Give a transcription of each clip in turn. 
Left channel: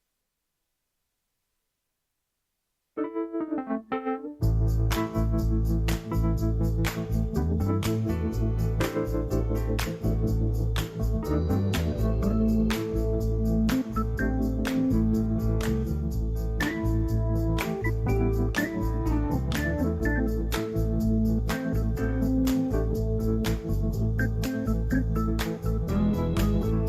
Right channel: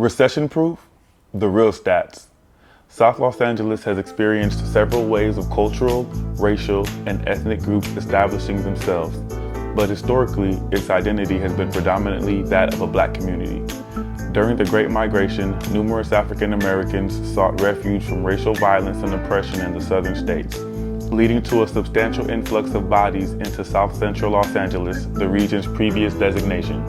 Recession-proof? The real stats. South Los Angeles has experienced several waves of cultural, racial, and ethnic groups establishing themselves, but historically, its identity has been predominantly that of a Black community. During the Great Migration, numerous African Americans sought refuge from racial violence and oppression in the southern states, leading to a substantial influx of bodies into South Central Los Angeles, the region's previous designation.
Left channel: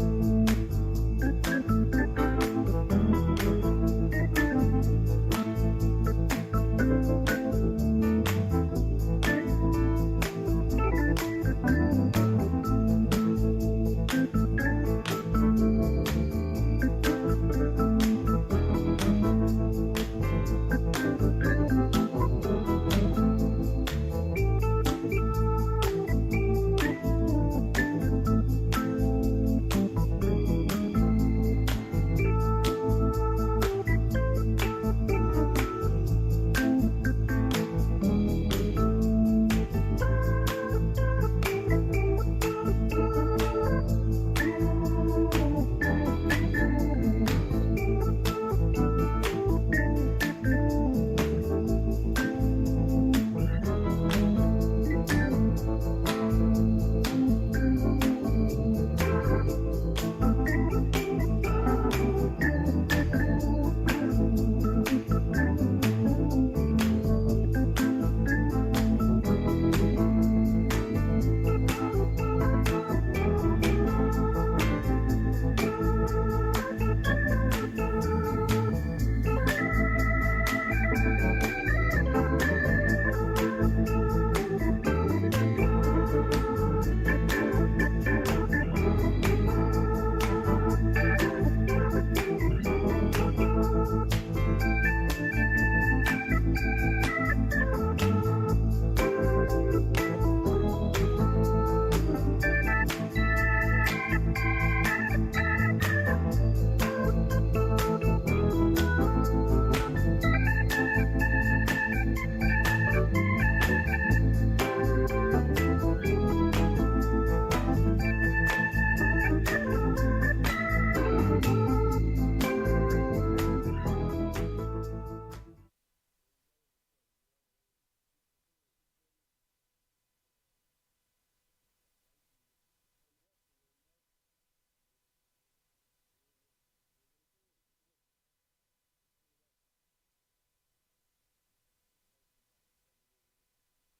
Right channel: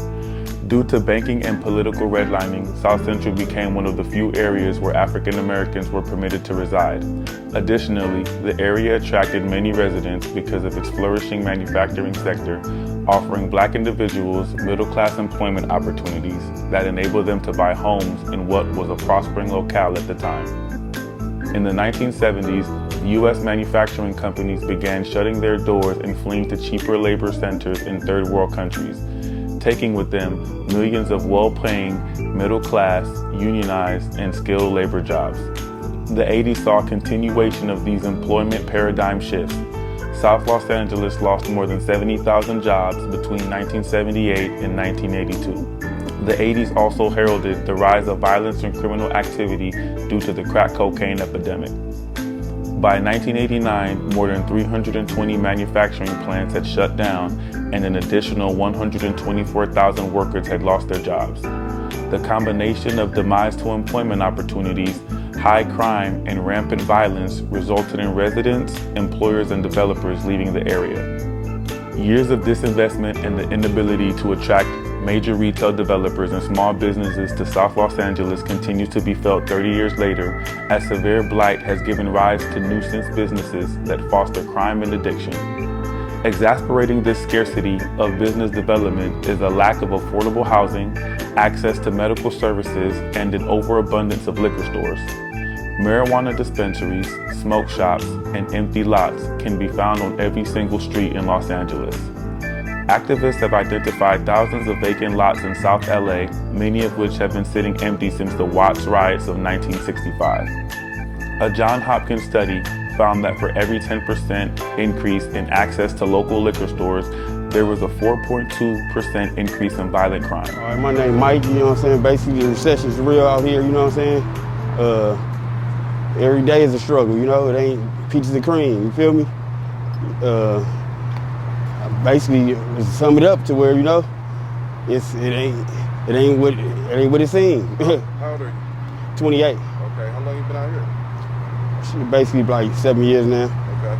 Due to banking and political redlining, South Central became one of the few areas where African Americans were permitted to reside. Additionally, the area attracted many residents because of its flourishing manufacturing sector, offering Black individuals middle-class employment opportunities that enabled them to buy homes in what was a prospering locale at the time. In the 1970s, U.S. manufacturing companies began shutting their doors and fleeing to cheaper labor centers in third world countries, taking with them millions of well-paying, middle-class, unionized, and skilled labor jobs. The 80s saw a continuation of these employment paradigm shifts. South Los Angeles lost more than 70,000 jobs between 1978 and 1982. The 80s also heralded the rise of violence and criminal activity due to the crack cocaine epidemic. By 1989, more than 320 manufacturing plants had shut down, and an additional 124,000 workers had lost their jobs. The combination of demise to employment opportunities, high crime, and rampant violence resulted in residents, employers, and developers leaving the area. Years of disinvestment and the inability to attract major retail developers and small businesses to South Los Angeles continues to be felt 30 years later, as severe blight has given rise to nuisance businesses that foster crime and addiction. Exasperating this scarcity of business development is a lack of affordable housing, access to medical services, and an overabundance of liquor stores. Marijuana dispensaries, smoke shops, and empty lots can be found on every single street in Los Angeles. Activists have identified thousands of vacant lots in South LA, many of which have been sitting empty since the Watts riots of 1965. A Johns Hopkins study found that for every 10% increase in access to local liquor stores, there was a 4.2% increase in violent crime. All right, my name is Mike, you know what I'm saying? Basically, the recession's real out here, you know what I'm saying? Every day is a struggle, you know? It ain't peaches and cream, you feel me? Basically, to sum it up to where, you know, it ain't what it seems. How old are you? 28. Okay, how long you been out here? Basically like 7 years now. Okay.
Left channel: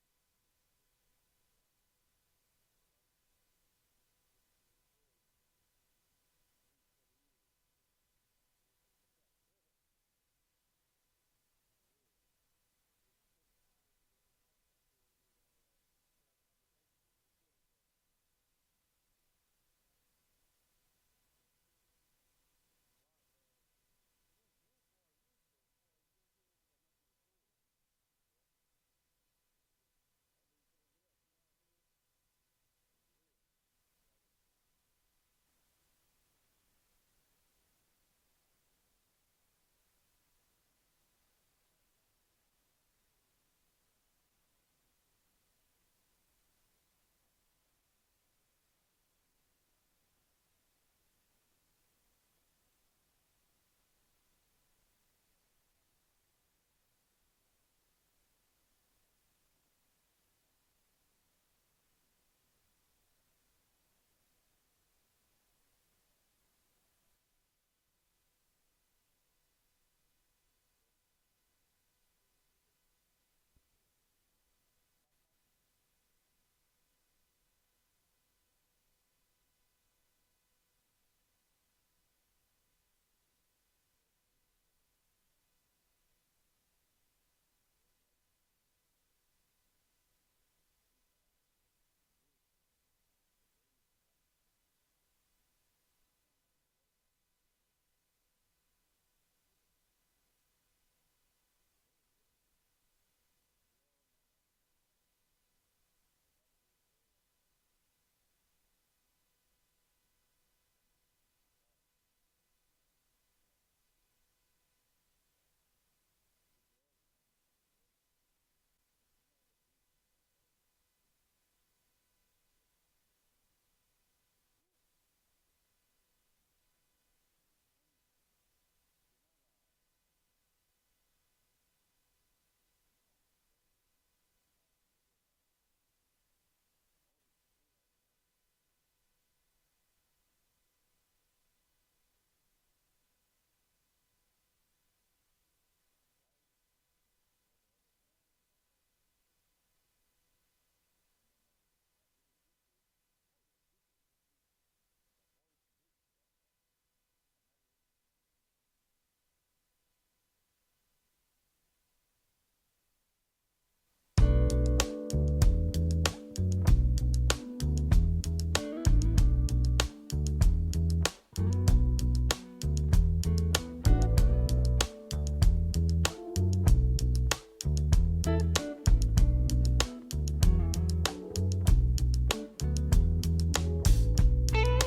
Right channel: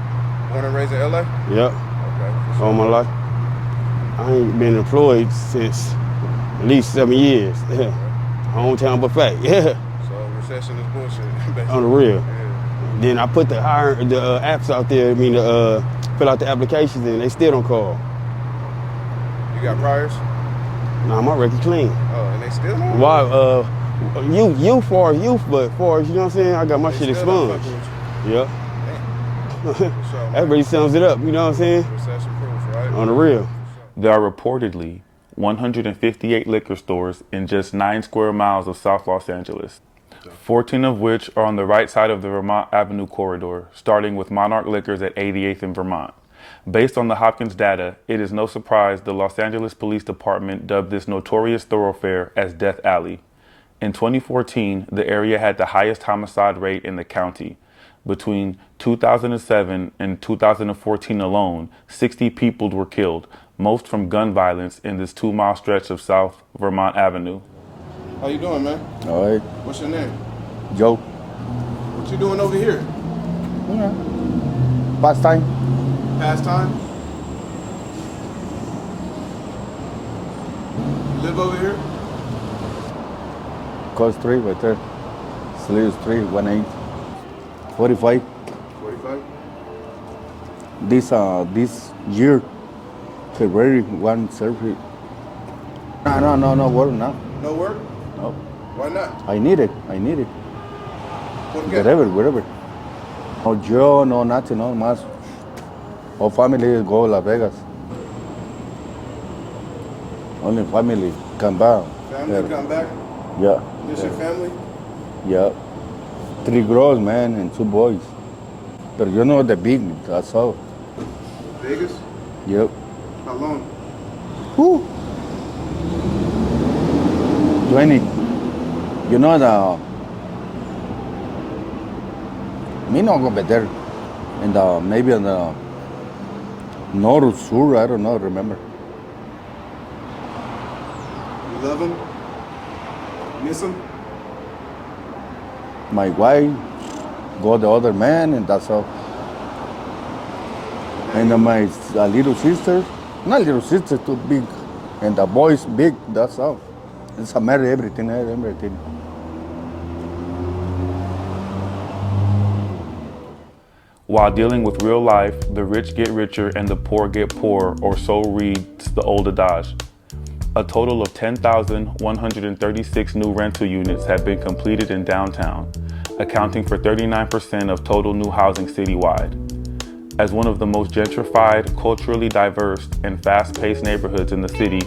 Born and raised in LA? Yep. Okay. All my life. I ain't been employed since at least 7 years. Okay. Hometown but fact. Yeah. So recession is bullshit, basically. On the real. Yeah. Then I put the apps out there, to fill out the applications, and they still don't call. You got priors? Nah, my record clean. Oh, and they still don't? Why? Youth, but far as, you know what I'm saying, I got my shit expunged. Yeah. That really sums it up, you know what I'm saying? Recession proof, right? On the real. There are reportedly 158 liquor stores in just 9 square miles of South Los Angeles, 14 of which are on the right side of the Vermont Avenue corridor, starting with Monarch Liquors at 88th and Vermont. Based on the Hopkins data, it is no surprise the Los Angeles Police Department dubbed this notorious thoroughfare as Death Alley. In 2014, the area had the highest homicide rate in the county. Between 2007 and 2014 alone, 60 people were killed, most from gun violence in this 2-mile stretch of South Vermont Avenue. How you doing, man? All right. What's your name? Joe. What you doing over here? Yeah. Past time. Pastime? You live over here? Coast 3 right there. Sleeves 3, 18. 45. 45? This year, February 1 surgery. No work now. No work? No. Why not? I need it. ¿Por qué? Wherever. No job, no nothing, no más. All family go Las Vegas. Only family come back. Family come back? Yeah. This your family? Yeah. 3 girls, man, and 2 boys. But you know the big, that's all. Vegas? Yep. How long? Whew. 20. You know, me not go better. And maybe on the north or sur, I don't know, remember. You love him? Miss him? My wife, got the other man, and that's all. And my little sister, not little sister, too big. And the boy's big, that's all. It's a matter everything. While dealing with real life, the rich get richer and the poor get poorer, or so reads the old adage. A total of 10,136 new rental units have been completed in downtown, accounting for 39% of total new housing citywide. As one of the most gentrified, culturally diverse, and fast-paced neighborhoods in the city,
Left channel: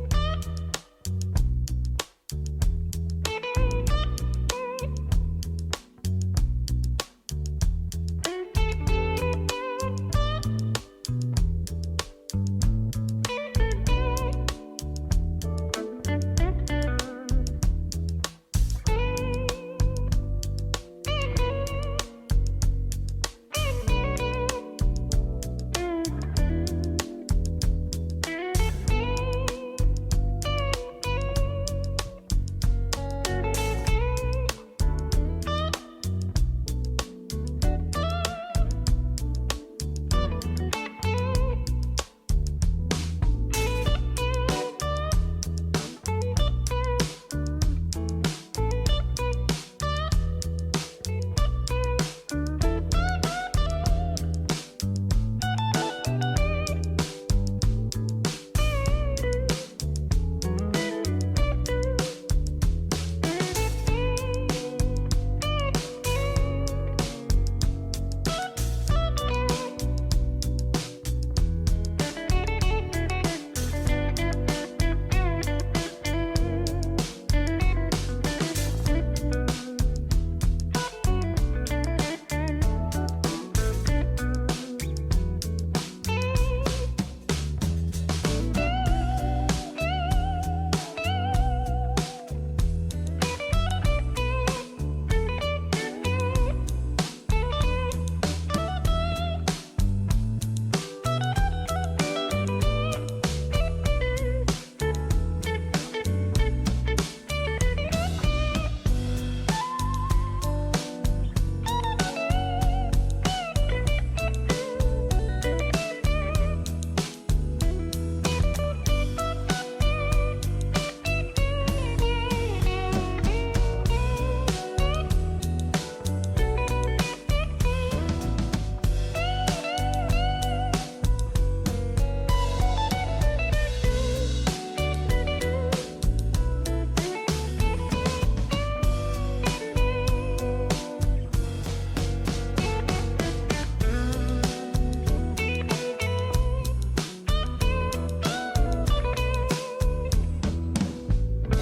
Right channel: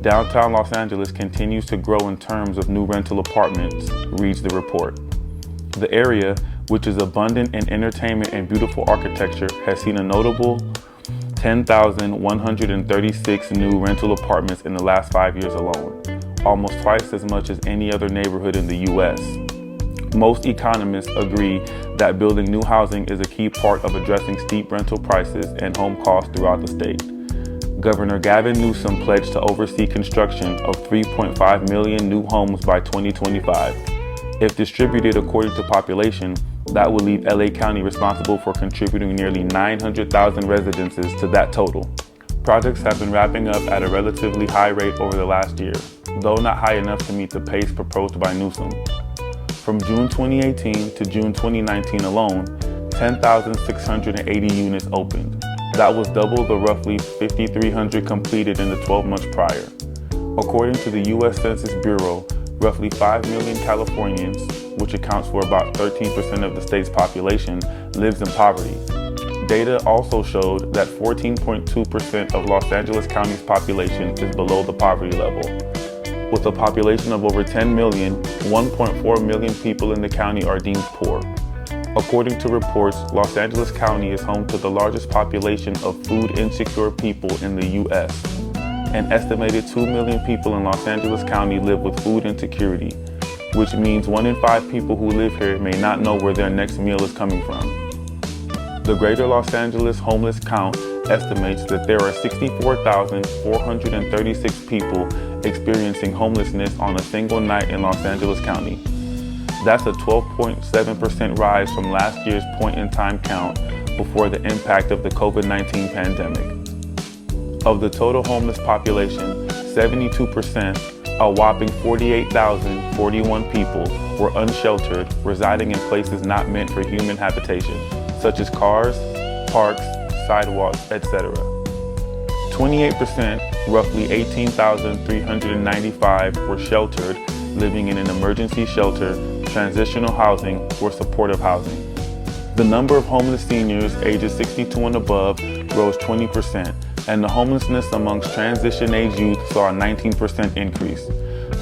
downtown Los Angeles continues to grow in terms of new rental apartments, reads the report. The area, which is abundant in entertainment and beautiful architecture, has seen a notable 10,136 new rental apartments in the last 5 years alone, almost twice as much as any other neighborhood in the U.S. Most economists agree that building new housing is a key part of addressing steep rental prices and home costs throughout the state. Governor Gavin Newsom pledged to oversee construction of 3.5 million new homes by 2025. If distributed according to population, that will leave LA County responsible for contributing nearly 900,000 residences to that total. Projects have been wrapping up at a relatively high rate over the last year, though not high enough to meet the pace proposed by Newsom. From June 2018 to June 2019 alone, 10,680 units opened. That was double the roughly 5,300 completed in the 12 months prior. According to the U.S. Census Bureau, roughly 5 million Californians, which accounts for about 13% of the state's population, lives in poverty. Data also showed that 14.2% of Los Angeles County's population is below the poverty level. With a population of over 10 million, 1.4 million people in the county are deemed poor. According to reports, Los Angeles County is home to the largest population of food insecure people in the U.S. An estimated 2 million people in Los Angeles County live with food insecurity, which means 1 in 5 people who live here may not know where their next meal is coming from. The Greater Los Angeles Homeless Count estimates that there are 64,436 people experiencing homelessness on a single night in Los Angeles County. That's a 12.7% rise from last year's point-in-time count before the impact of the COVID-19 pandemic. Of the total homeless population, 72%, a whopping 48,041 people, were unsheltered, residing in places not meant for human habitation, such as cars, parks, sidewalks, etc. 28%, roughly 18,395, were sheltered, living in an emergency shelter, transitional housing, or supportive housing. The number of homeless seniors ages 62 and above rose 20%, and the homelessness amongst transition-age youth saw a 19% increase.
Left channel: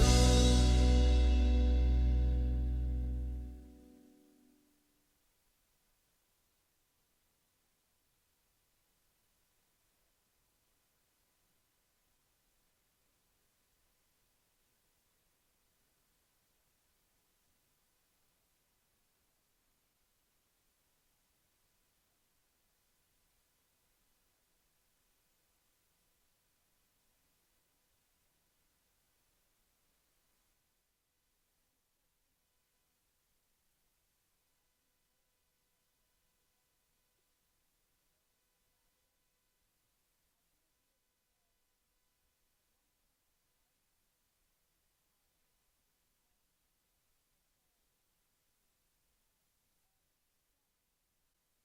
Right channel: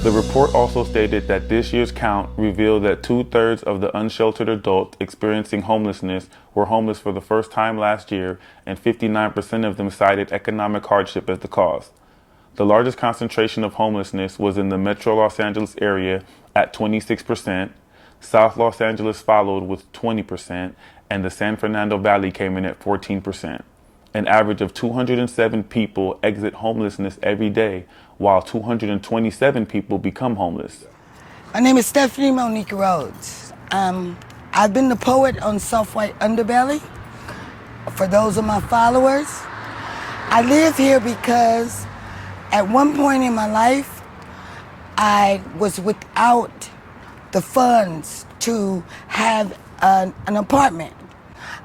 The report also stated that this year's count revealed that 2/3 of the unsheltered adults experiencing homelessness were homeless for the first time last year, and 59% of them cited economic hardship as the cause. The largest concentration of homelessness was in the Metro Los Angeles area at 26%, South Los Angeles followed with 20%, and the San Fernando Valley came in at 14%. An average of 207 people exit homelessness every day, while 227 people become homeless. My name is Stephanie Monique Rhodes. I've been the poet on Soft White Underbelly. For those of my followers, I live here because at one point in my life, I was without the funds to have an apartment.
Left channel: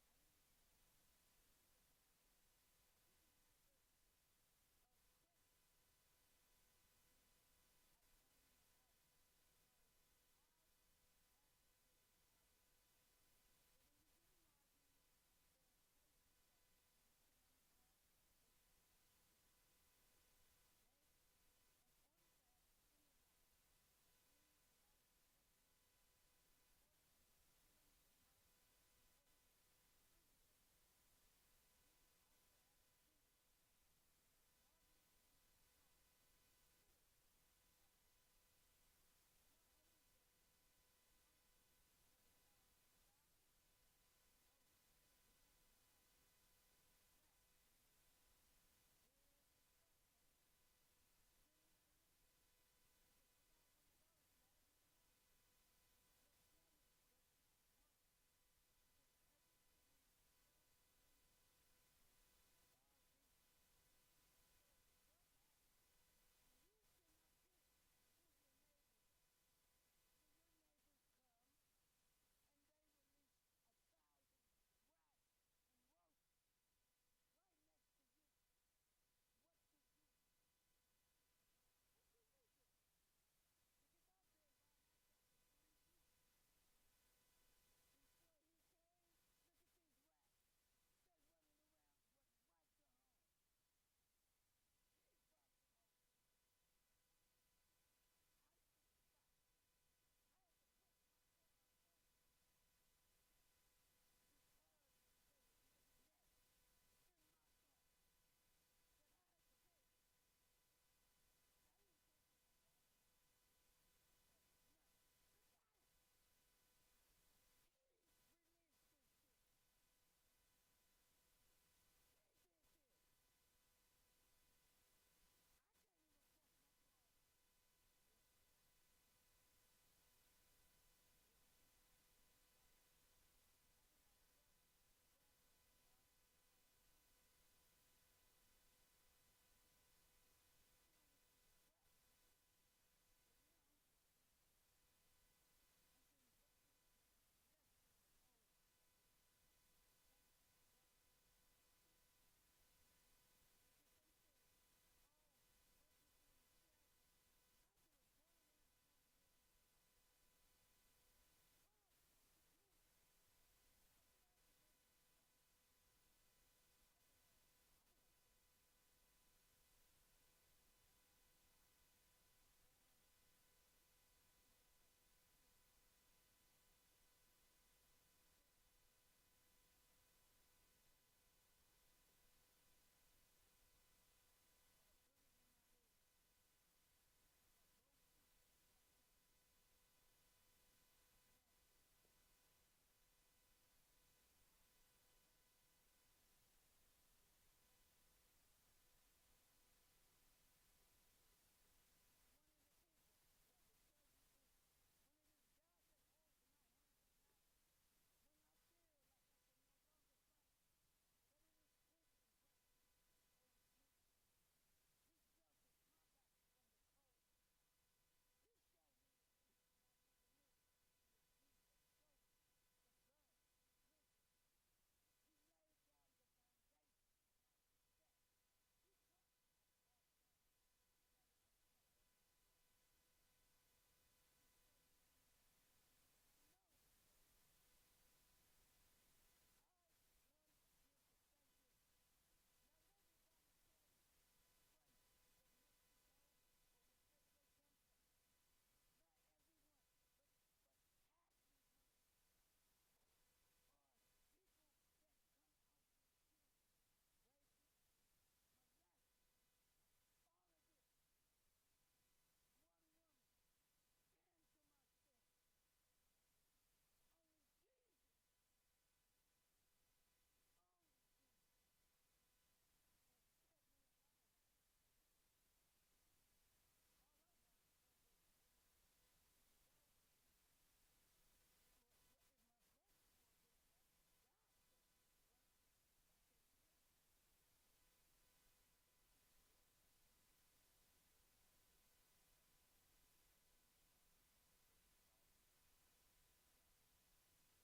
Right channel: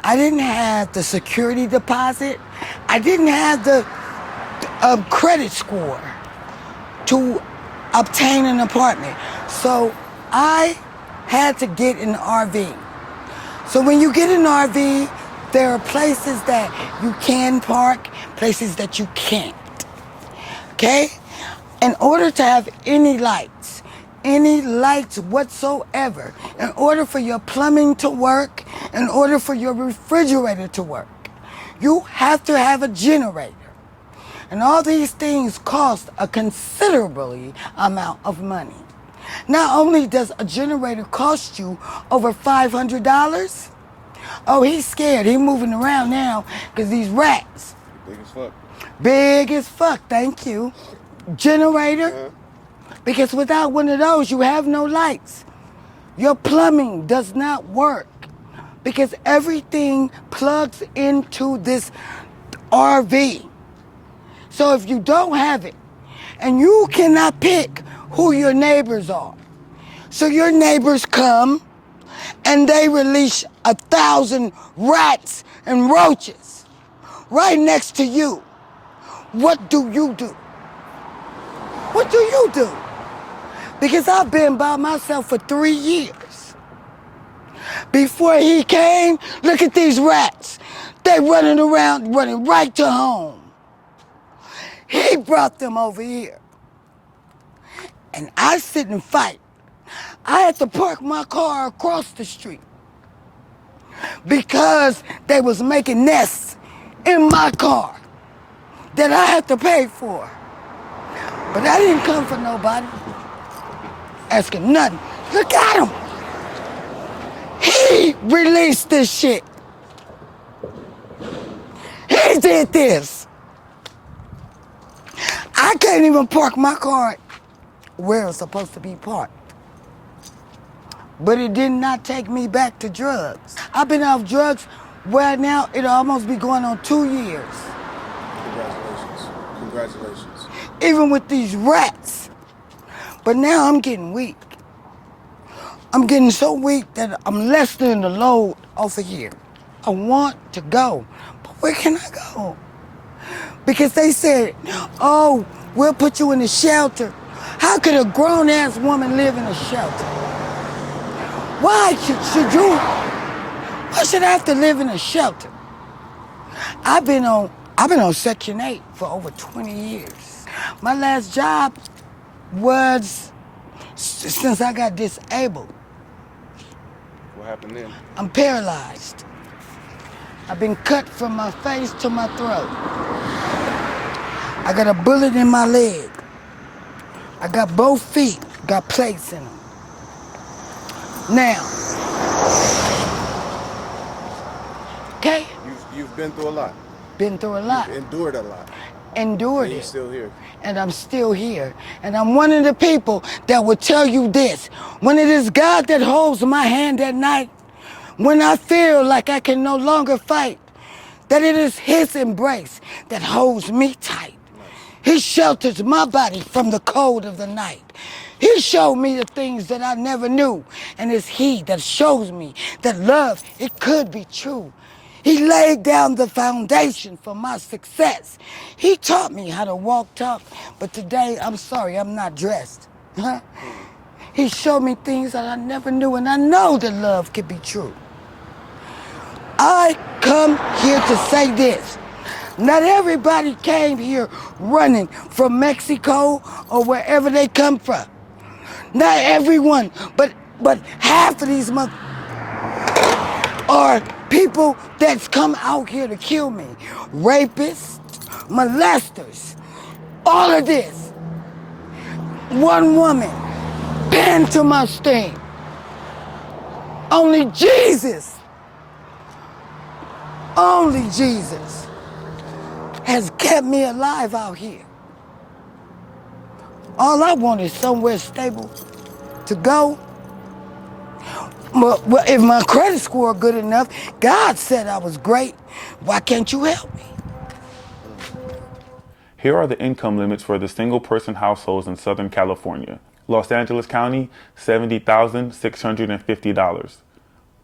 I didn't have the security deposit. I didn't have the credit score to obtain an apartment. So I had to get an RV. So when you get an RV, there are places that you can park, places that you can't, okay? In order to have any lights whatsoever, in order for your plumbing to work, in order for your refrigerator to work, you have to have a generator. And all these things cost a considerable amount of money. Not only does a generator cost you over $500, oh, he's scared. He's moving around now because these rats. Big as fuck. Big as fuck, thank you. Generator, because without one of those, you have no lights. Your plumbing does not work because everything plugs into this RV. So if you don't have it, and you cannot pick who your neighbors are, so your neighbors come and they release 1,000 rats and roaches right next to you. What do you do? What do you do? Because I've been by myself for 3 years. Before he came, look at these rats. They running around, running right to home. He brought them over here. And I sit and fight. I had to park my car across the street because they was making nests in my car that I had to pay for. But I didn't come for nobody asking nothing. Look at him. He released this shit. He did this. I can't even park my car where it's supposed to be parked. But it did not take me back to drugs. I've been off drugs right now, it'll almost be going on 2 years. Congratulations. Congratulations. Even with these rats. But now I'm getting weak. I'm getting so weak that I'm lessening the load off of here. I want to go, but where can I go? Because they said, oh, we'll put you in a shelter. How could a grown-ass woman live in a shelter? Why should I have to live in a shelter? I've been on Section 8 for over 20 years. My last job was since I got disabled. What happened then? I'm paralyzed. I've been cut from my face to my throat. I got a bullet in my leg. I got both feet, got plates in them. Now, okay? You've been through a lot. Been through a lot. You've endured a lot. Endured And you're it. still here. And I'm still here. And I'm one of the people that will tell you this. When it is God that holds my hand at night, when I feel like I can no longer fight, that it is his embrace that holds me tight. He shelters my body from the cold of the night. He showed me the things that I never knew. And it's he that shows me that love, it could be true. He laid down the foundation for my success. He taught me how to walk, talk, but today, I'm sorry, I'm not dressed. Huh? He showed me things that I never knew, and I know that love could be true. I come here to say this. Not everybody came here running from Mexico or wherever they come from. Not everyone, but half of these are people that's come out here to kill me. Rapists, molesters, all of this. One woman pinned to my sting. Only Jesus has kept me alive out here. All I want is somewhere stable to go. Well, if my credit score good enough, God said I was great. Why can't you help me? Here are the income limits for the single-person households in Southern California. Los Angeles County, $70,650.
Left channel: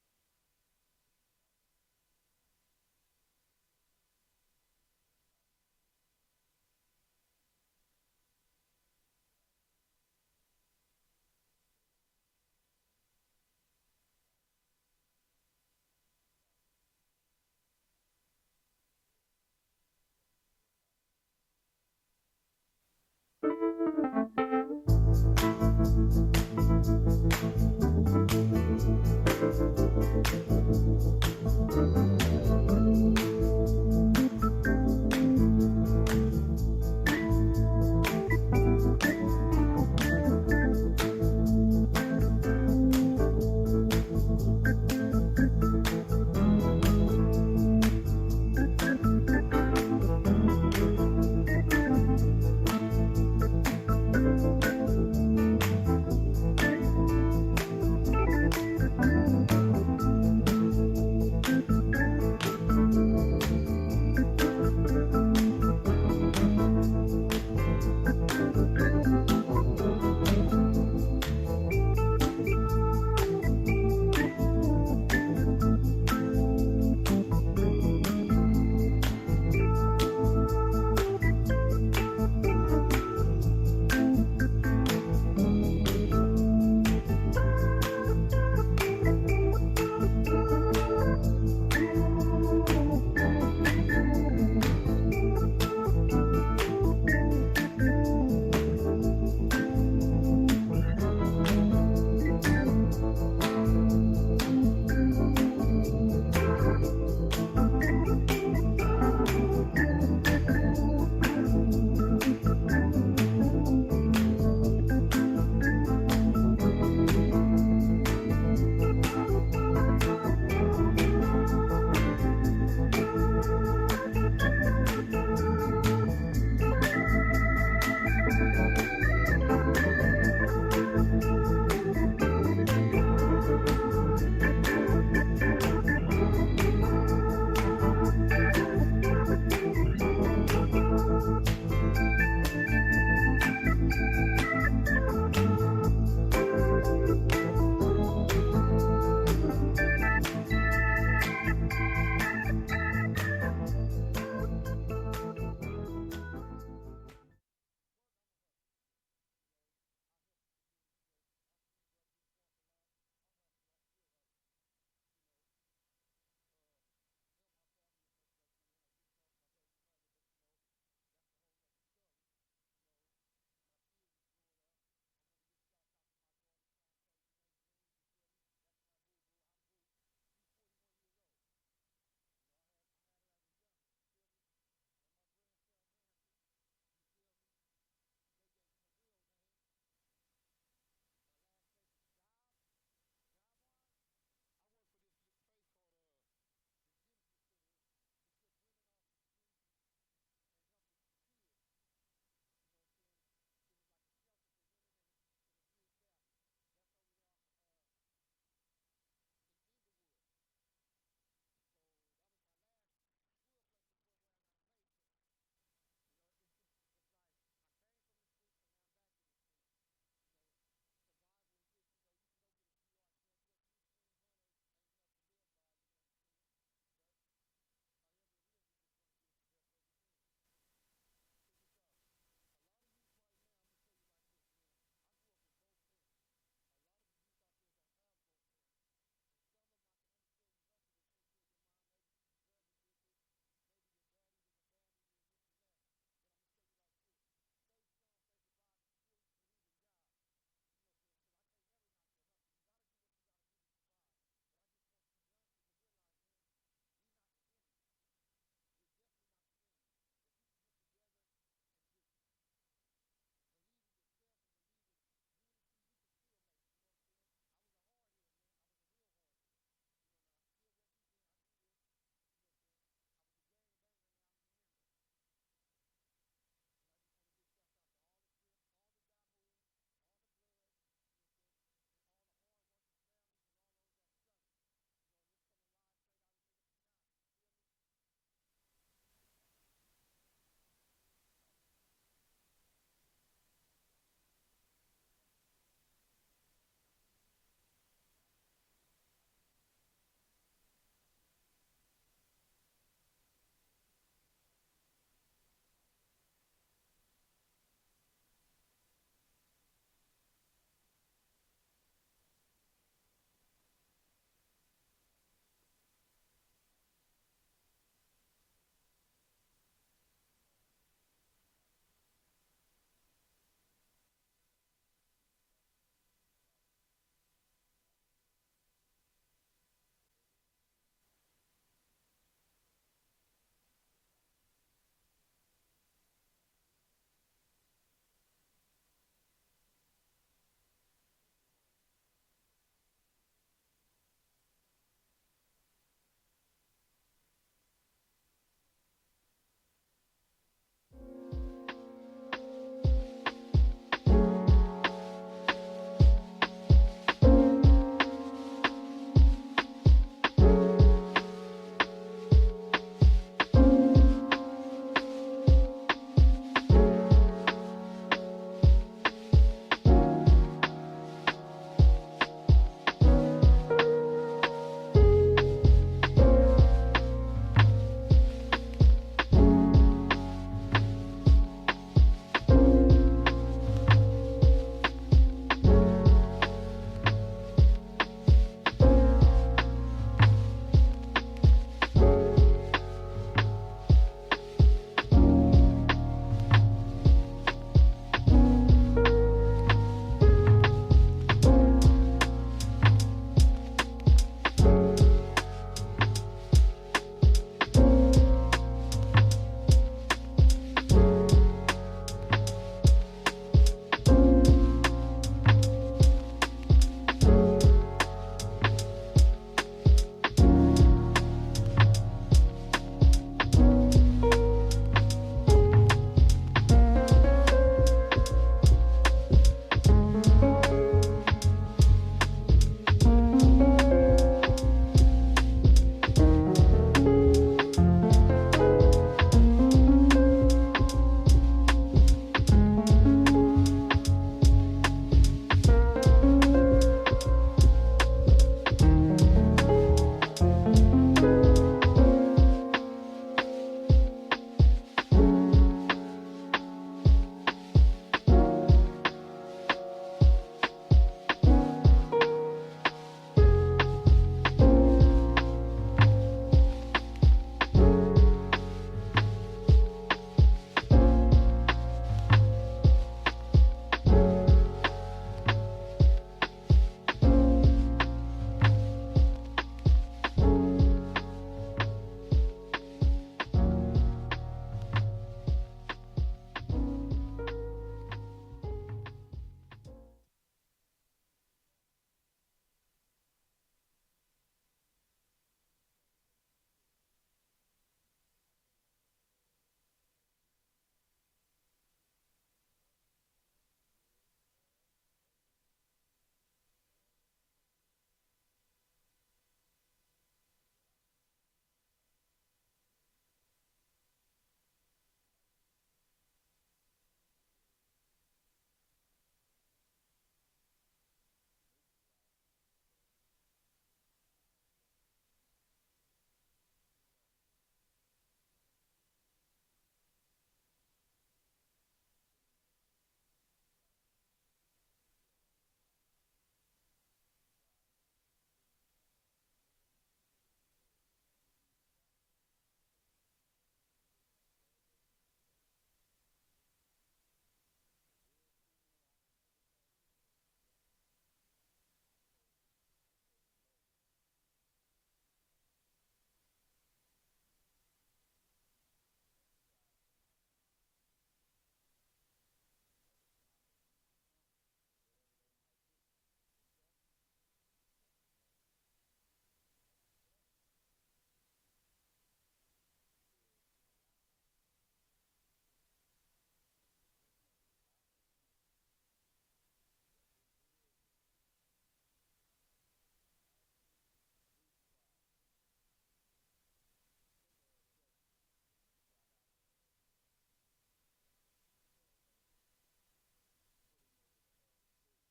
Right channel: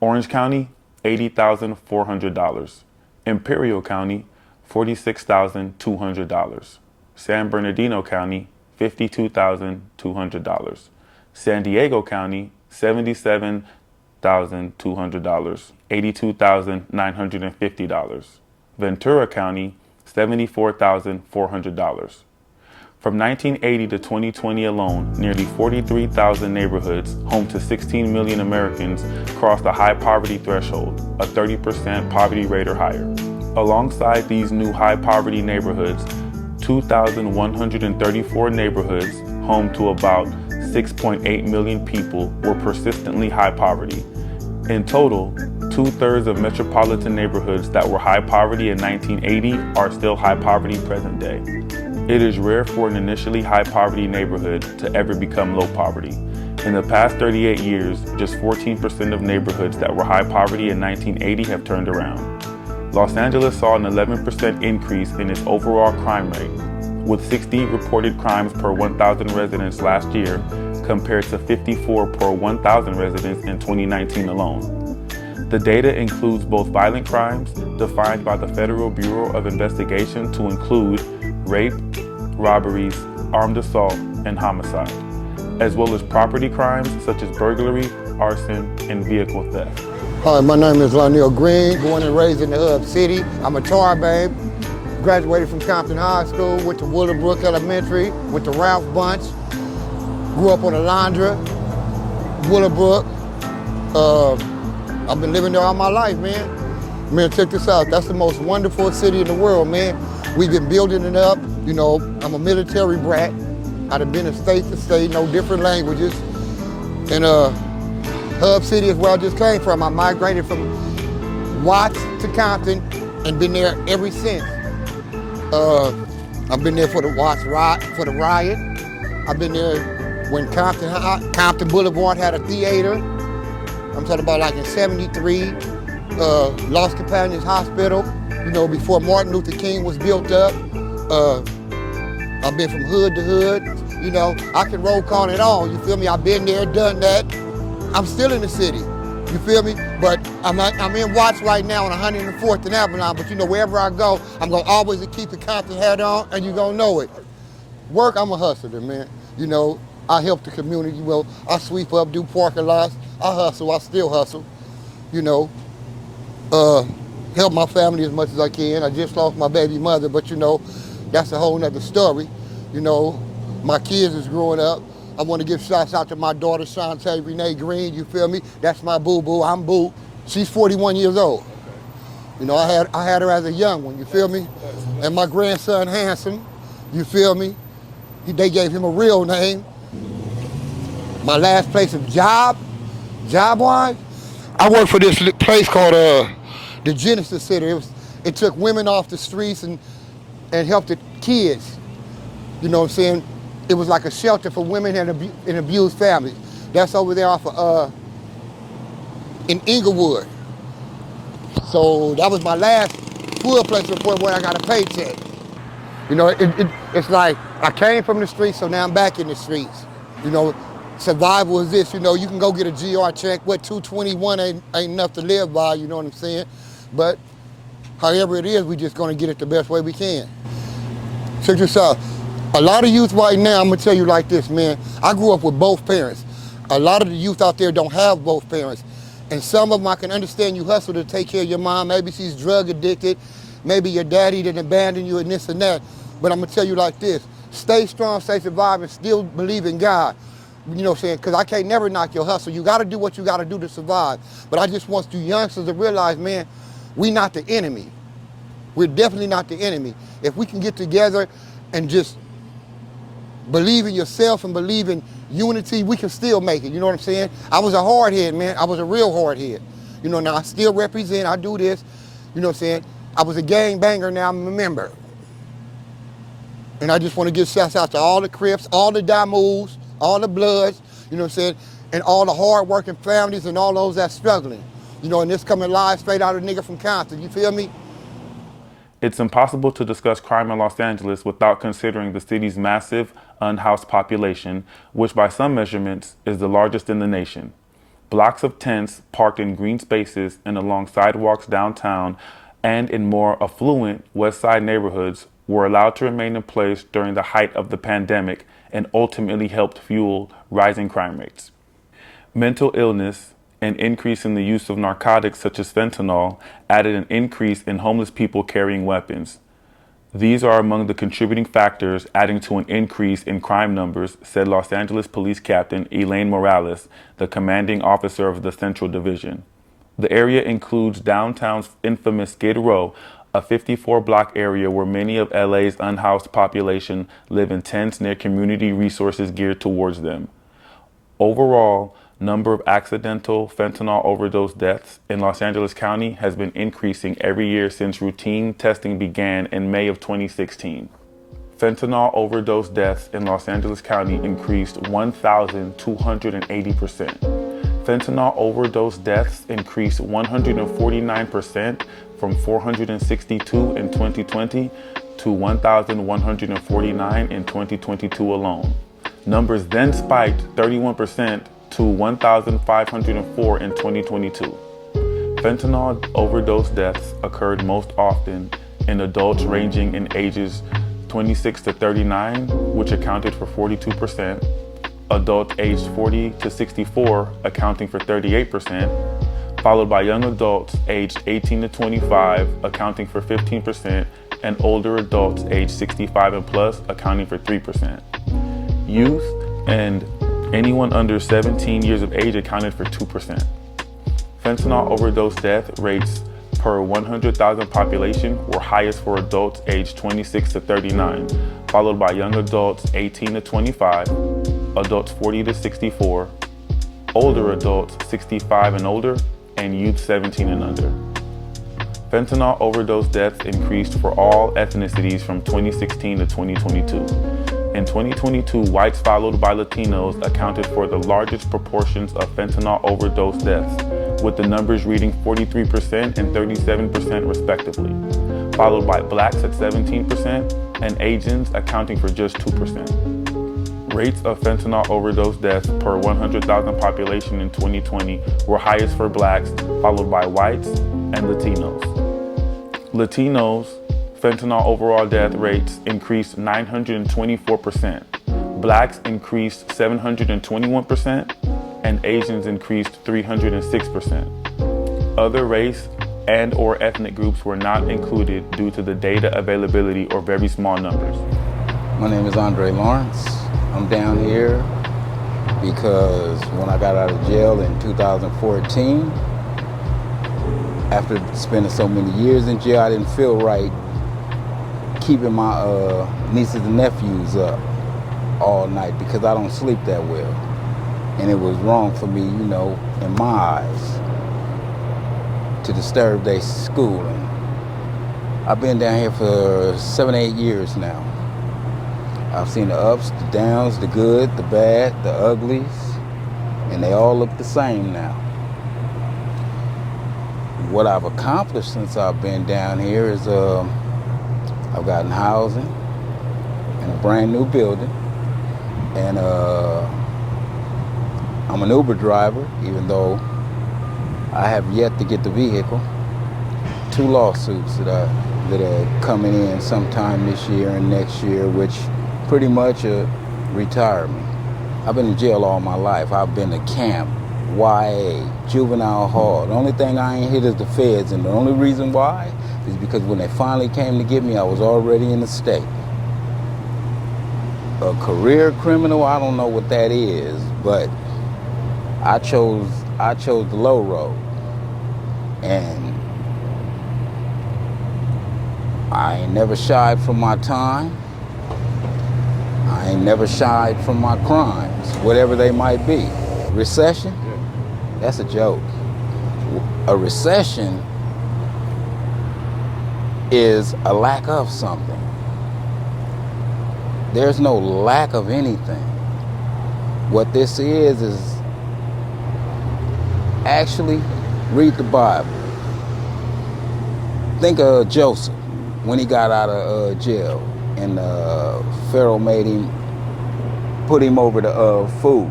Orange County, $80,400. Imperial County, $46,200. San Bernardino County, $52,200. San Diego County, $77,200, $82,950. Ventura County, $74,400. From 1980 to 2020 alone, nearly 43,000 neighborhoods, home to 16 million Americans, crossed the high poverty threshold, a 30% poverty rate or higher. Alongside these new high poverty neighborhoods, 2,134 neighborhoods, home to about 6.8 million people, were persistently high poverty. In total, 2/3 of metropolitan neighborhoods that were high poverty in 1980 are still high poverty present day. It is rare for an initially high poverty neighborhood to ever become low poverty. In the past 38 years, just 14% of neighborhoods that were high poverty in 1980 have turned around. Los Angeles saw an 11% increase in its overall crime rate, with 60 reported crimes per 1,000 residents last year, compared to 54 per 1,000 residents in 2019 alone. The data includes both violent crimes, defined by the Federal Bureau of Investigation to include rape, robberies, armed assault, and homicide, as well as property crimes such as burglary, arson, and vehicle theft. Hi, my name is Lionel Green, born and raised in the Hub City. I'm a tar babe. Graduated from Compton High School, went to Willowbrook Elementary, went to Ralph Bunch, grew up on Alondra, Willowbrook. I've been living there all my life, man. Man, check this out. That's the most wonderful city in the world, man. We've been building it up. You know, I'm a military brat. I've been in state to state, know different languages. And Hub City is where I just came from. I migrated from Watts to Compton and been there ever since. I've been there for the Watts riot, I've been there when Compton Boulevard had a theater. I'm talking about like in '73. Lost Companions Hospital, you know, before Martin Luther King was built up. I've been from hood to hood, you know. I can roll call it on, you feel me? I've been there, done that. I'm still in the city, you feel me? But I'm in Watts right now on 104th and Avalon, but you know, wherever I go, I'm gonna always keep the Compton hat on, and you gonna know it. Work, I'm a hustler, man. You know, I help the community, well, I sweep up, do parking lots, I hustle, I still hustle, you know. Help my family as much as I can. I just lost my baby mother, but you know, that's a whole nother story. You know, my kids is growing up. I want to give shouts out to my daughter, Shantae Renee Green, you feel me? That's my boo-boo, I'm boo. She's 41 years old. You know, I had her as a young one, you feel me? And my grandson, Handsome, you feel me? They gave him a real name. My last place of job-wise, I worked for this place called the Genesis Center. It took women off the streets and helped the kids. You know what I'm saying? It was like a shelter for women and abused families. That's over there off of, in Inglewood. So that was my last full place report where I got a paycheck. You know, it's like I came from the streets, so now I'm back in the streets. You know, survival is this, you know, you can go get a GR check, what, $221 ain't enough to live by, you know what I'm saying? But however it is, we just gonna get it the best way we can. Check this out. A lot of youth right now, I'm gonna tell you like this, man. I grew up with both parents. A lot of the youth out there don't have both parents. And some of them, I can understand you hustle to take care of your mom. Maybe she's drug addicted. Maybe your daddy didn't abandon you and this and that. But I'm gonna tell you like this. Stay strong, stay survive, and still believe in God. You know what I'm saying? Because I can't never knock your hustle. You gotta do what you gotta do to survive. But I just want you youngsters to realize, man, we not the enemy. We're definitely not the enemy. If we can get together and just believe in yourself and believe in unity, we can still make it, you know what I'm saying? I was a hard head, man. I was a real hard head. You know, now I still represent, I do this, you know what I'm saying? I was a gang banger, now I'm a member. And I just want to give shouts out to all the Crips, all the Damus, all the Bloods, you know what I'm saying? And all the hard-working families and all those that's struggling. You know, and this coming live straight out of a nigga from Compton, you feel me? It's impossible to discuss crime in Los Angeles without considering the city's massive unhoused population, which by some measurements is the largest in the nation. Blocks of tents parked in green spaces and along sidewalks downtown and in more affluent West Side neighborhoods were allowed to remain in place during the height of the pandemic and ultimately helped fuel rising crime rates. Mental illness, an increase in the use of narcotics such as fentanyl, added an increase in homeless people carrying weapons. These are among the contributing factors adding to an increase in crime numbers, said Los Angeles Police Captain Elaine Morales, the commanding officer of the Central Division. The area includes downtown's infamous Skid Row, a 54-block area where many of LA's unhoused population live in tents near community resources geared towards them. Overall, number of accidental fentanyl overdose deaths in Los Angeles County has been increasing every year since routine testing began in May of 2016. Fentanyl overdose deaths in Los Angeles County increased 1,280%. Fentanyl overdose deaths increased 149% from 462 in 2020 to 1,149 in 2022 alone. Numbers then spiked 31% to 1,504 in 2022. Fentanyl overdose deaths occurred most often in adults ranging in ages 26 to 39, which accounted for 42%, adults aged 40 to 64, accounting for 38%, followed by young adults aged 18 to 25, accounting for 15%, and older adults aged 65 and plus, accounting for 3%. Youth and anyone under 17 years of age accounted for 2%. Fentanyl overdose death rates per 100,000 population were highest for adults aged 26 to 39, followed by young adults 18 to 25, adults 40 to 64, older adults 65 and older, and youth 17 and under. Fentanyl overdose deaths increased for all ethnicities from 2016 to 2022. In 2022, whites followed by Latinos accounted for the largest proportions of fentanyl overdose deaths, with the numbers reading 43% and 37% respectively, followed by blacks at 17% and Asians accounting for just 2%. Rates of fentanyl overdose deaths per 100,000 population in 2020 were highest for blacks, followed by whites and Latinos. Latinos' fentanyl overall death rates increased 924%. Blacks increased 721%, and Asians increased 306%. Other race and or ethnic groups were not included due to the data availability or very small numbers. My name is Andre Lawrence. I'm down here because when I got out of jail in 2014, after spending so many years in jail, I didn't feel right keeping my nieces and nephews up all night because I don't sleep that well. And it was wrong for me, you know, in my eyes, to disturb their schooling. I've been down here for 7, 8 years now. I've seen the ups, the downs, the good, the bad, the uglies, and they all look the same now. What I've accomplished since I've been down here is I've gotten housing in a brand new building, and I'm an Uber driver, even though I have yet to get the vehicle. 2 lawsuits that are coming in sometime this year and next year, which pretty much retire me. I've been in jail all my life. I've been to camp, YA, juvenile hall. The only thing I ain't hit is the feds, and the only reason why is because when they finally came to get me, I was already in the state. A career criminal, I don't know what that is, but I chose the low road. And I ain't never shied from my time. I ain't never shied from my crimes, whatever they might be. Recession? That's a joke. A recession is a lack of something. There's no lack of anything. What this is actually read the Bible. Think of Joseph when he got out of jail, and Pharaoh put him over to food.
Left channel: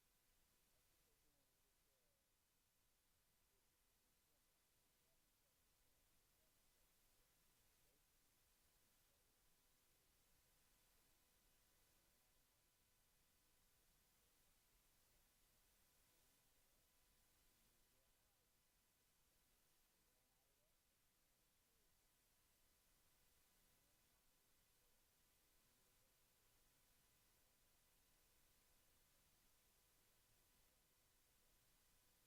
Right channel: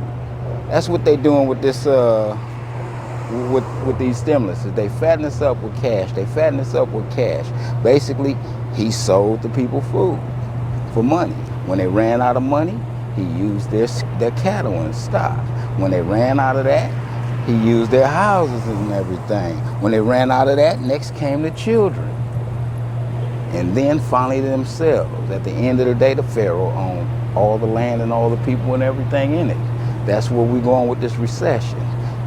That's what they doing with this, with these stimuluses. They fatten us up with cash. Basically, he sold the people food for money. When they ran out of money, he used their cattle and stock. When they ran out of that, he used their houses and everything. When they ran out of that, next came the children. And then finally themselves. At the end of the day, the Pharaoh owned all the land and all the people and everything in it. That's where we're going with this recession.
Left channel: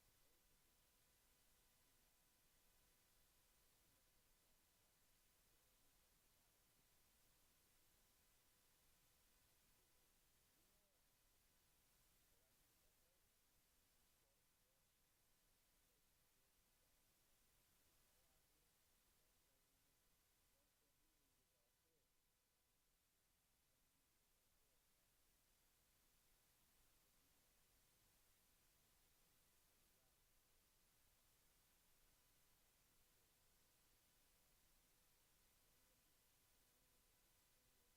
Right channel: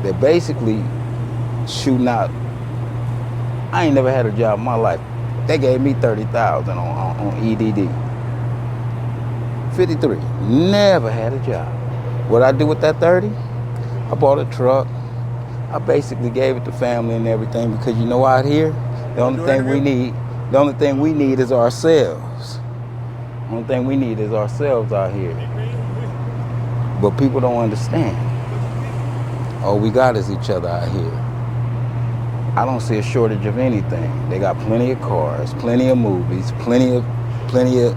They're basically shooting out. I ain't never had a job in my life. They gave me 30,000 on EDD. 53. Never had a job. What I do with that 30? I bought a truck. I basically gave it to family and everything because you know out here, the only thing we need is ourselves. The only thing we need is ourselves out here. But people don't understand. All we got is each other out here. I don't see a shortage of anything. They got plenty of cars, plenty of movies, plenty of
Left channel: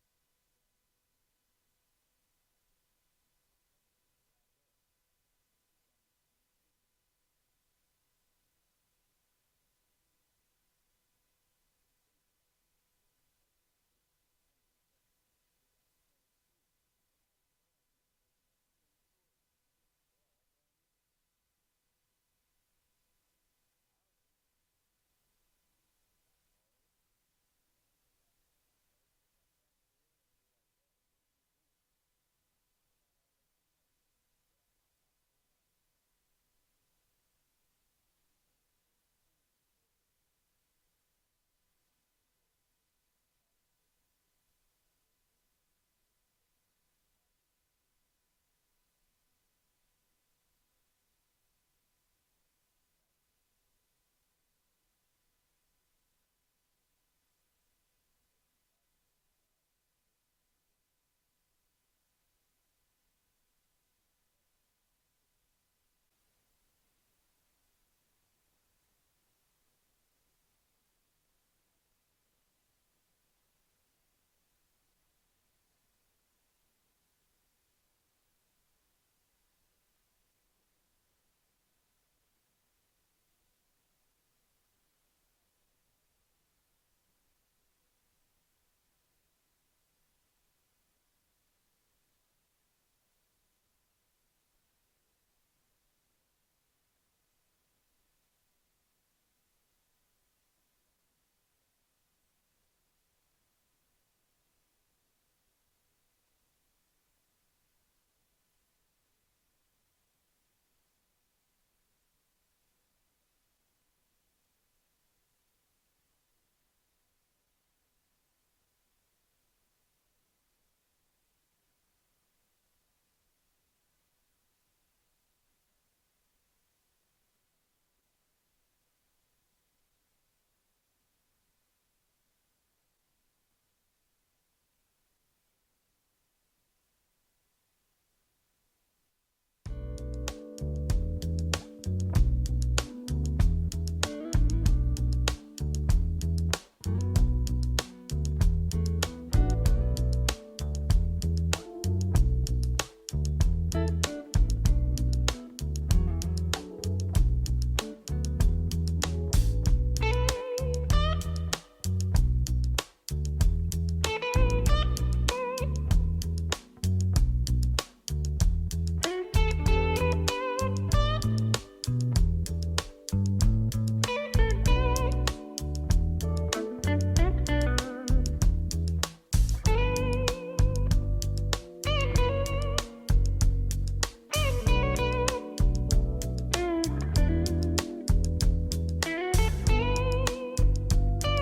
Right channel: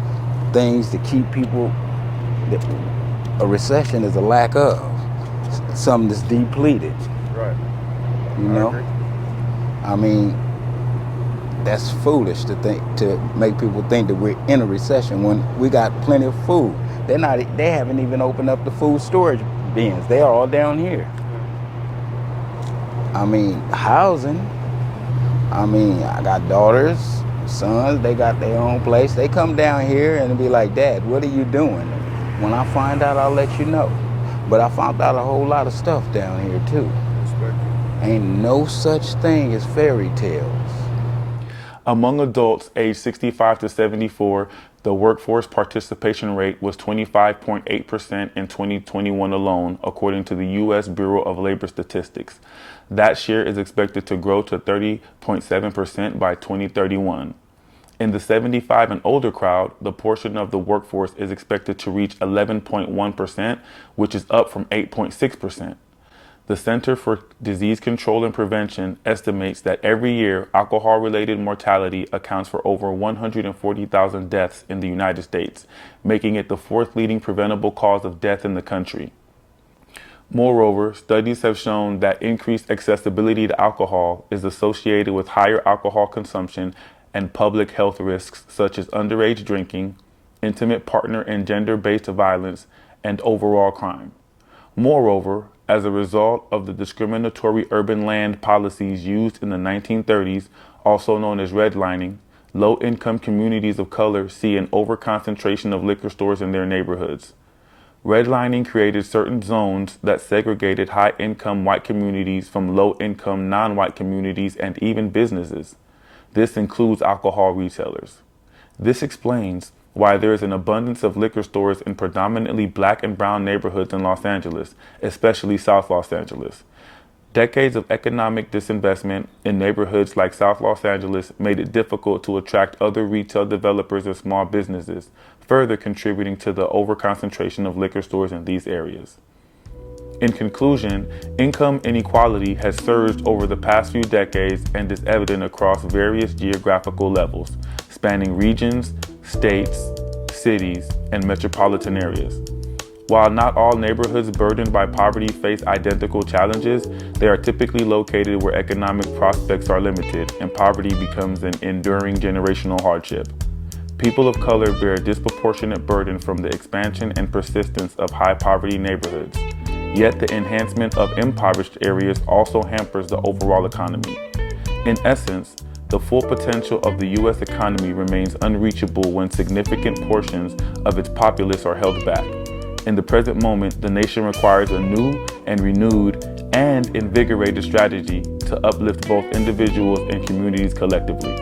things to keep people. A recession is a lack of something that's depleted. Right. You know? I mean, that's foolish to make people think that we're in a recession when we got plenty of food. They haven't even opened up the food storage bins. They are all down here. I mean, housing. I mean, I got daughters, sons, they got their own place. They come down here and be like, Dad, what are you doing? When I find out, I'll let you know. But I found out a whole lot of stuff down here too. Ain't no such thing as fairy tales. Among adults aged 65 to 74, the workforce participation rate was 25.8% in 2021 alone, according to the U.S. Bureau of Labor Statistics. That share is expected to grow to 30.7% by 2031. In the 75 and older crowd, the portion of the workforce is expected to reach 11.1%, which is up from 8.6%. The Center for Disease Control and Prevention estimates that every year, alcohol-related mortality accounts for over 140,000 deaths in the United States, making it the fourth leading preventable cause of death in the country. Moreover, studies have shown that increased accessibility to alcohol is associated with higher alcohol consumption and public health risks such as underage drinking, intimate partner and gender-based violence, and overall crime. Moreover, as a result of the discriminatory urban land policies used in the 1930s, also known as redlining, low-income communities of color see an overconcentration of liquor stores in their neighborhoods. Redlining created certain zones that segregated high-income white communities from low-income non-white communities and even businesses. This includes alcohol retailers. This explains why there is an abundance of liquor stores in predominantly black and brown neighborhoods in Los Angeles, especially South Los Angeles. Decades of economic disinvestment in neighborhoods like South Los Angeles made it difficult to attract other retail developers and small businesses, further contributing to the overconcentration of liquor stores in these areas. In conclusion, income inequality has surged over the past few decades and is evident across various geographical levels, spanning regions, states, cities, and metropolitan areas. While not all neighborhoods burdened by poverty face identical challenges, they are typically located where economic prospects are limited and poverty becomes an enduring generational hardship. People of color bear a disproportionate burden from the expansion and persistence of high poverty neighborhoods. Yet the enhancement of impoverished areas also hampers the overall economy. In essence, the full potential of the U.S. economy remains unreachable when significant portions of its populace are held back. In the present moment, the nation requires a new and renewed and invigorated strategy to uplift both individuals and communities collectively.